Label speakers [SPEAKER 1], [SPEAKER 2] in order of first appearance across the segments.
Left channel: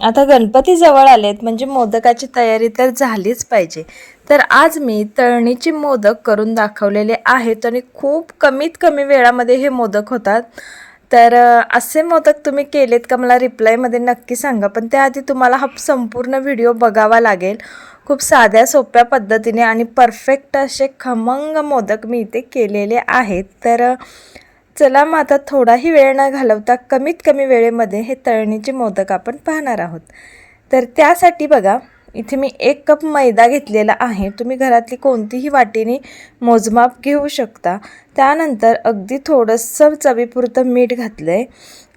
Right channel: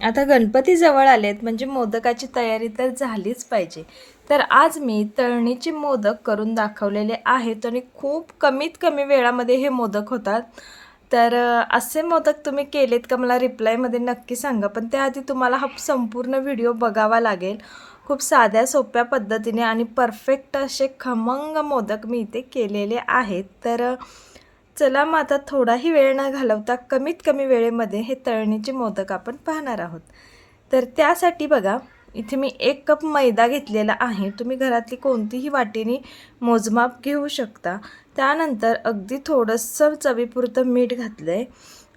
[SPEAKER 1] आता गणपती जवळ आलेत म्हणजे मोदकाची तयारी तर झालीच पाहिजे. तर आज मी तळणीचे मोदक करून दाखवलेले आहेत आणि खूप कमीत कमी वेळामध्ये हे मोदक होतात. तर असे मोदक तुम्ही केलेत का? मला रिप्लायमध्ये नक्की सांगा. पण त्याआधी तुम्हाला हा संपूर्ण व्हिडिओ बघावा लागेल. खूप साध्या सोप्या पद्धतीने आणि परफेक्ट असे खमंग मोदक मी इथे केलेले आहेत. तर चला मग आता थोडाही वेळ न घालवता कमीत कमी वेळेमध्ये हे तळणीचे मोदक आपण पाहणार आहोत. तर त्यासाठी बघा इथे मी एक कप मैदा घेतलेला आहे. तुम्ही घरातली कोणतीही वाटीने मोजमाप घेऊ शकता. त्यानंतर अगदी थोडंसं चवीपुरतं मीठ घातलं आहे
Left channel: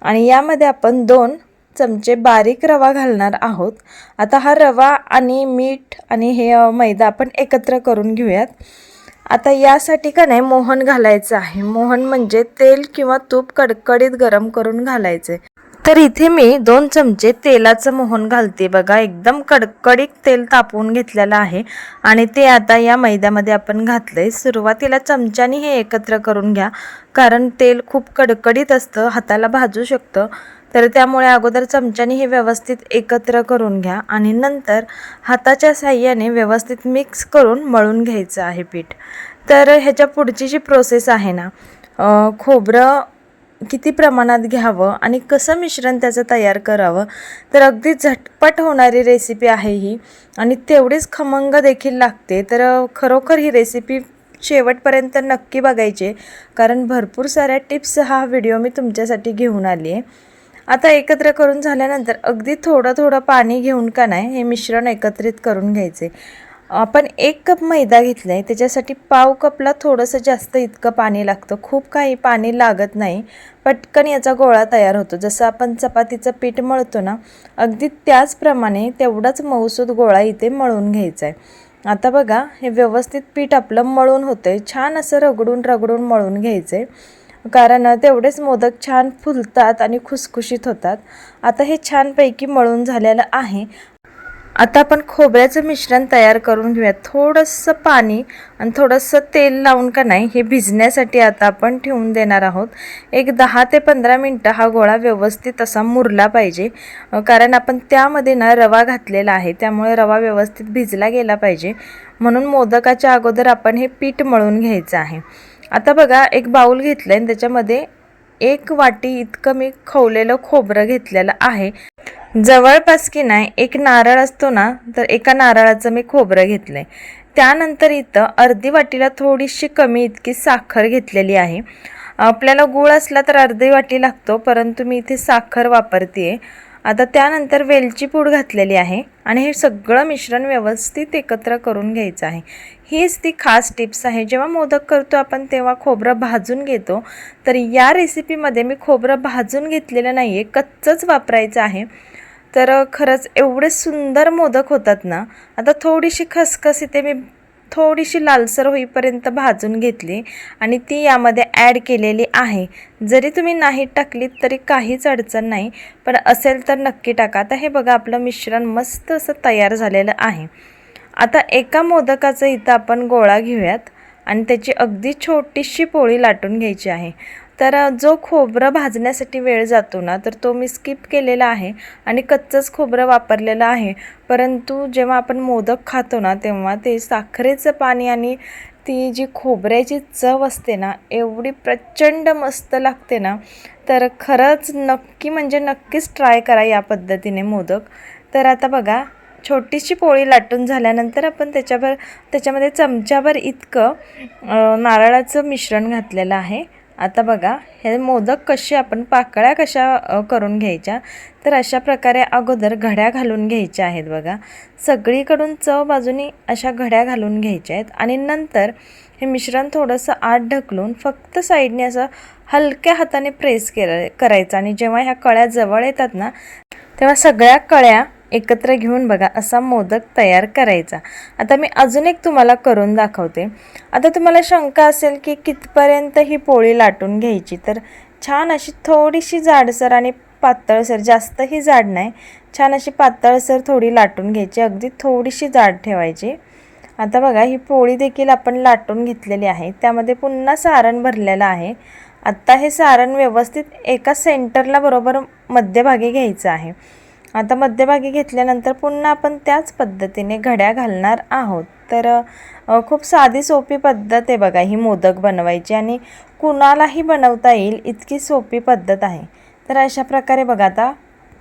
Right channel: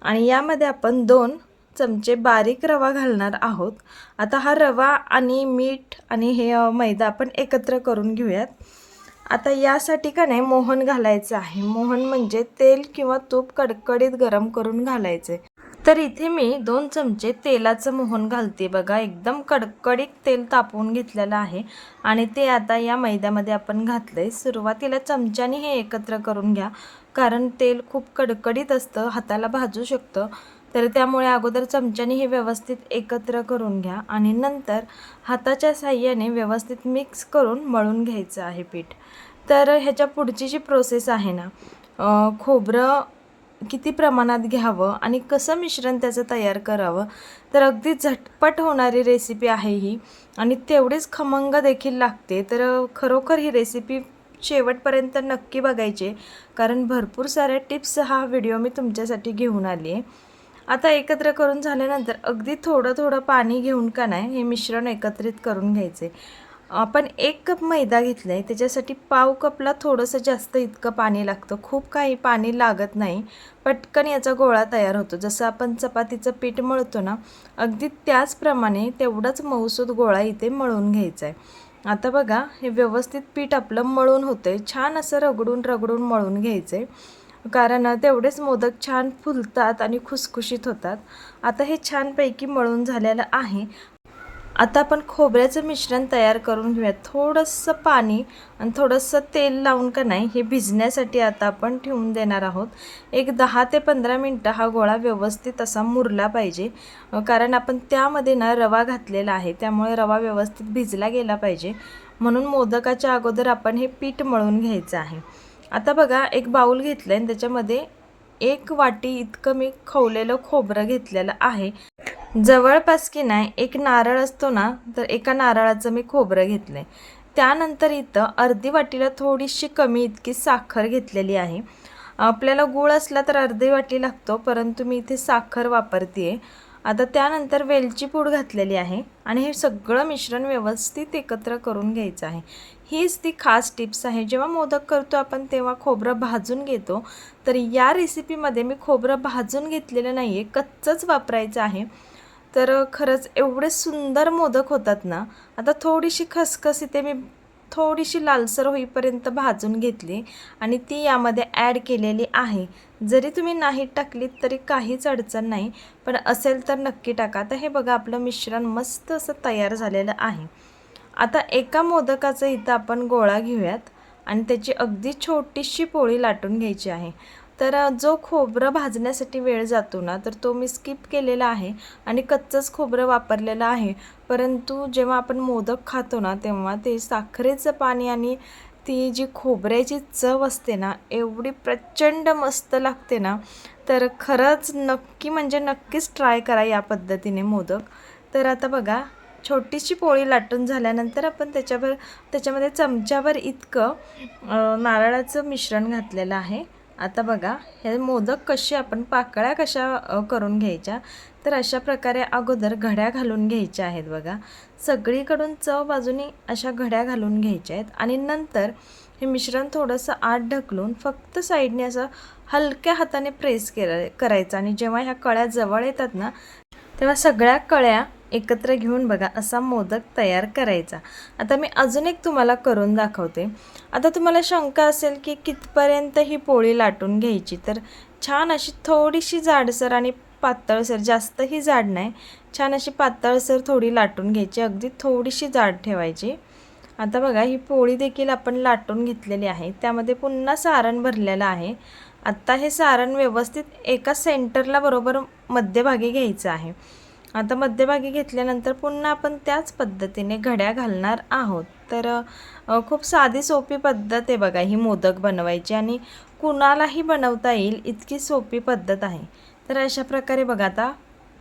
[SPEAKER 1] आणि यामध्ये आपण दोन चमचे बारीक रवा घालणार आहोत. आता हा रवा आणि मीठ आणि हे मैदा आपण एकत्र करून घेऊयात. आता यासाठी का नाही मोहन घालायचं आहे. मोहन म्हणजे तेल किंवा तूप कडकडीत गरम करून घालायचे. तर इथे मी दोन चमचे तेलाचं मोहन घालते. बघा एकदम कडकडीत तेल तापवून घेतलेलं आहे. आणि ते आता या मैद्यामध्ये आपण घातलंय. सुरुवातीला चमच्याने हे एकत्र करून घ्या. कारण तेल खूप कडकडीत असतं हाताला भाजू शकतं. तर त्यामुळे अगोदर चमच्याने हे व्यवस्थित एकत्र करून घ्या आणि नंतर हाताच्या साह्याने व्यवस्थित मिक्स करून मळून घ्यायचं आहे पीठ. तर ह्याच्या पुढची जी प्रोसेस आहे ना खोबरं किती प्रमाणात घ्यावं आणि कसं मिश्रण त्याचं तयार करावं तर अगदी झटपट होणारी रेसिपी आहे ही. आणि तेवढीच खमंग देखील लागते तर खरोखर ही रेसिपी शेवटपर्यंत नक्की बघायची कारण भरपूर साऱ्या टिप्स हा व्हिडिओ मी तुमच्यासाठी घेऊन आली आहे. आता एकत्र करून झाल्यानंतर अगदी थोडं थोडं पाणी घेऊन का नाही हे मिश्रण एकत्रित करून घ्यायचे. आपण एक कप मैदा घेतला आहे त्याच्यासाठी पाव कपला थोडंसं जास्त इतकं पाणी लागतं. खूप काही पाणी लागत नाही. पटकन याचा गोळा तयार होतो. जसं आपण चपातीचं पीठ मळतो ना अगदी त्याचप्रमाणे तेवढाच मऊसूद गोळा इथे मळून घ्यायचा आहे. आता बघा हे व्यवस्थित पीठ आपलं मळून होतं आहे छान असं रगडून रगडून मळून घ्यायचं आहे कारण तेवढेच मोदक छान फुलतात आणि खुसखुशीत होतात. आता हे छानपैकी मळून झालेलं आहे. आता आपण खोबऱ्याचं मिश्रण तयार करून घेऊयात. थोडंसं पाणी आणि थोडंसं तेल लावून का नाही हे भिजण्यासाठी आता आपण ठेवून देणार आहोत. एक दहा ते पंधरा मिनटं हा गोळा व्यवस्थित असा मुरला पाहिजे. कारण आपण त्यामध्ये ना रवा घातलेला आहे त्यामुळे रवा व्यवस्थित भिजला गेला पाहिजे. म्हणून मोदकाच्या अगोदर आपण हे पीठ मळून घ्यायचं आहे. आता बघा एक बाऊल घेतलं आणि त्याच्यामध्ये एक वाटी इतकं मी खवलेलं खोबरं घेतलेलं आहे. जवळपास की नाही एक नारळ असतो ना तर एका नारळाचं मी खोबरं घेतलं आहे त्यानंतर इथं अर्धी वाटीला थोडीशी कमी इतकी साखर घेतलेली आहे. आपल्याला गूळ असला तर अर्धी वाटी लागतो परंतु मी इथे साखर वापरते आहे आता त्यानंतर वेलची पूड घातलेली आहे आणि हे सगळं मिश्रण व्यवस्थित एकत्र करून घ्यायचं आहे. हीच ती खास टिप्स आहे. जेव्हा मोदक करतो आपण तेव्हा खोबरं भाजून घेतो. तर या रेसिपीमध्ये मी खोबरं भाजून घेतलेलं नाही आहे कच्चंच वापरायचं आहे. तर खरंच एवढे सुंदर मोदक होतात ना आता थोडीशी खसखस इथे मी थोडीशी लालसर होईपर्यंत भाजून घेतली आणि ती यामध्ये ॲड केलेली आहे. जरी तुम्ही नाही टाकलीत तरी काहीच अडचण नाही पण असेल तर नक्की टाका. आता हे बघा आपलं मिश्रण मस्त असं तयार झालेलं आहे. आता एका मोदकाचं इथं आपण गोळा घेऊयात आणि त्याची अगदी छोटीशी पोळी लाटून घ्यायची आहे. तर जो खोबरं भाजण्यासाठी वेळ जातो ना तर तो मी स्किप केलेला आहे आणि कच्चंच खोबरं वापरलेलं आहे. परंतु जेव्हा आपण मोदक खातो ना तेव्हा ते साखरेचं पाणी आणि ती जी खोबऱ्याची चव असते ना एवढी प्रचंड मस्त लागते ना. तर खरंच नक्की म्हणजे नक्कीच ट्राय करा या पद्धतीने मोदक. तर आता बघा छोटीशी पोळी लाटून झाल्यानंतर आपण त्याच्यावर त्याच्यामध्ये चमच्याभर इतकं नारळाचं मिश्रण घातलेलं आहे. आता बघा हे मोदक कसे आपण पाकळ्या कशा करून घ्यायच्या? तर अशा प्रकारे अगोदर घड्या घालून घ्यायच्या आहेत बघा. सगळीकडून चव बाजूनी अशा घड्या घालून घ्यायच्या आहेत आणि नंतर हे मिश्रण थोडंसं आत ढकलून फक्त साईडने असं हलक्या हाताने प्रेस केलं करायचं. आणि जेव्हा ह्या कळ्या जवळ येतात ना तेव्हा सगळ्या कळ्या एकत्र घेऊन बघा असा मोदक तयार करायचा. आता मी अजून एक तुम्हाला करून दाखवते. आता तुम्हाला शंका असेल की कितपर्यंत ही पोळी लाटून घ्यायची तर छान अशी थोडीशी जाडसर आणि पातळसर जास्तही जाड नाही छान अशी पातळसर थोडी लाटून घ्यायची अगदी थोडीशी जाड ठेवायची. आता बघा ही पोळी देखील आपण लाटून घेतलेली आहे. त्यामध्ये पुन्हा सारण भरलेलं आहे. आत्ता हे सारण व्यवस्थित एका सेंटरला बरोबर मध्यभागी घ्यायचं आहे. आता मध्यभागी घेतल्यानंतर पुन्हा आपण त्याच पद्धतीने घड्या घालणार आहोत. तर खूप साधी सोपी पद्धत आहे बघा ही मोदक बनवायची आणि कुणालाही बनवता येईल इतकी सोपी पद्धत आहे. तर अशा प्रकारे बघा आता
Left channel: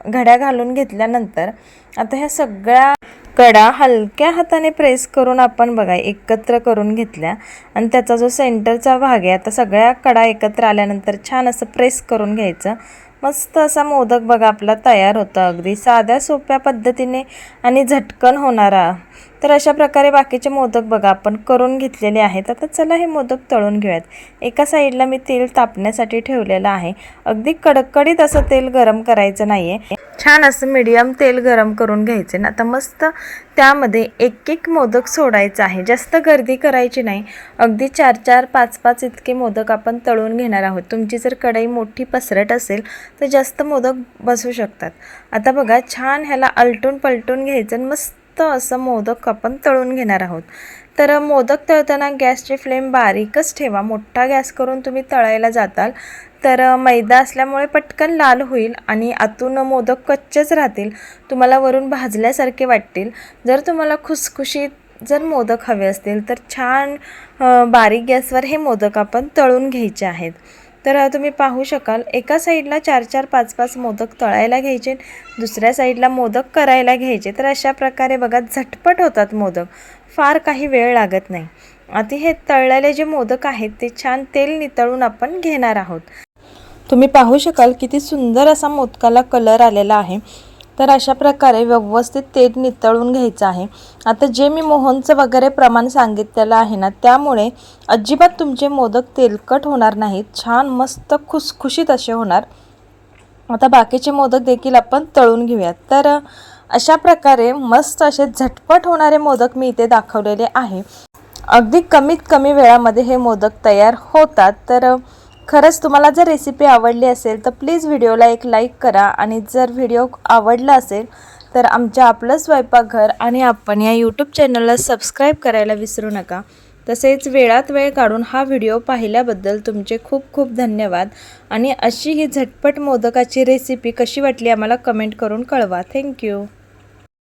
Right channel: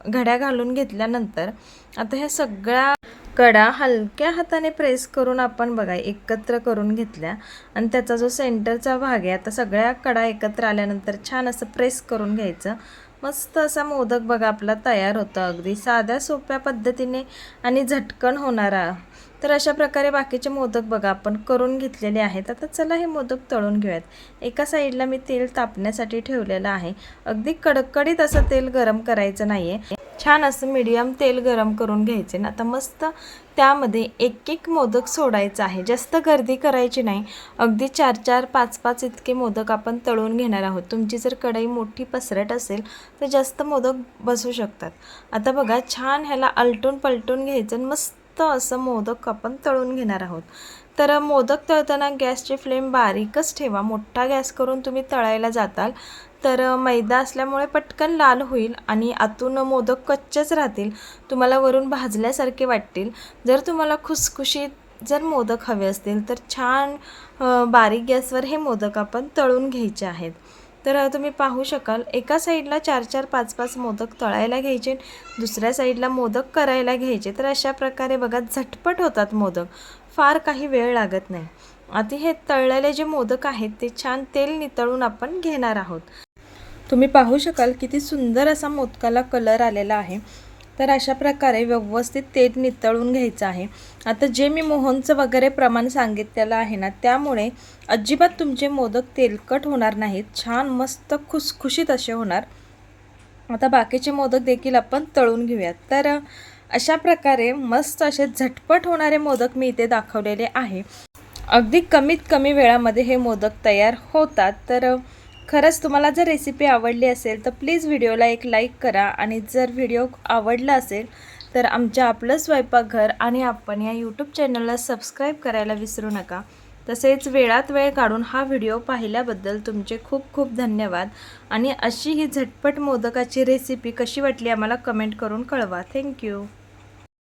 [SPEAKER 1] घड्या घालून घेतल्यानंतर आता ह्या सगळ्या कडा हलक्या हाताने प्रेस करून आपण बघा एकत्र करून घेतल्या. आणि त्याचा जो सेंटरचा भाग आहे आता सगळ्या कडा एकत्र आल्यानंतर छान असं प्रेस करून घ्यायचं. मस्त असा मोदक बघा आपला तयार होतो अगदी. साध्या सोप्या पद्धतीने आणि झटकन होणारा. तर अशा प्रकारे बाकीचे मोदक बघा आपण करून घेतलेले आहेत. आता चला हे मोदक तळून घेऊयात. एका साईडला मी तेल तापण्यासाठी ठेवलेलं आहे. अगदी कडकडीत असं तेल गरम करायचं नाही आहे छान असं मीडियम तेल गरम करून घ्यायचे ना. आता मस्त त्यामध्ये एक एक मोदक सोडायचं आहे. जास्त गर्दी करायची नाही. अगदी चार चार पाच पाच इतके मोदक आपण तळून घेणार आहोत. तुमची जर कढई मोठी पसरट असेल तर जास्त मोदक बसू शकतात. आता बघा छान ह्याला आलटून पलटून घ्यायचं आणि मस्त असं मोदक आपण तळून घेणार आहोत. तर मोदक तळताना गॅसची फ्लेम बारीकच ठेवा. मोठा गॅस करून तुम्ही तळायला जाताल. तर मैदा असल्यामुळे पटकन लाल होईल आणि आतून मोदक कच्चेच राहतील. तुम्हाला वरून भाजल्यासारखे वाटतील. जर तुम्हाला खुसखुशीत जर मोदक हवे असतील तर छान बारीक गॅसवर हे मोदक आपण तळून घ्यायचे आहेत. तर तुम्ही पाहू शकाल एका साईडला चार चार पाच पाच मोदक तळायला घ्यायचे दुसऱ्या साईडला मोदक करायला घ्यायचे. तर अशा प्रकारे बघा झटपट होतात मोदक. फार काही वेळ लागत नाही. आधी हे तळलेले जे मोदक आहेत ते छान तेल नितळून आपण घेणार आहोत. तुम्ही पाहू शकाल किती सुंदर असा मोदकाला कलर आलेला आहे. तर अशा प्रकारे व्यवस्थित तेल नितळून घ्यायचं आहे. आता जे मी मोहनचं वगैरे प्रमाण सांगितलेलं आहे ना त्यामुळे अजिबात तुमचे मोदक तेलकट होणार नाहीत. छान मस्त खुसखुशीत असे होणार. आता बाकीचे मोदक देखील आपण तळून घेऊयात. तर अशा प्रकारे मस्त असे झटपट होणारे मोदक मी इथे दाखवलेले आहे. अगदी कमीत कमी वेळामध्ये हे मोदक तयार होतात. तर खरंच तुम्हाला जर रेसिपी आवडली असेल तर प्लीज व्हिडिओला एक लाईक करा आणि जर व्हिडिओ आवडला असेल तर आमच्या आपलं स्वयंपाकघर आणि आपण या यूट्यूब चॅनलला सबस्क्राईब करायला विसरू नका. तसेच वेळात वेळ काढून हा व्हिडिओ पाहिल्याबद्दल तुमचे खूप खूप धन्यवाद. आणि अशी ही झटपट मोदकाची रेसिपी कशी वाटली आम्हाला कमेंट करून कळवा. थँक्यू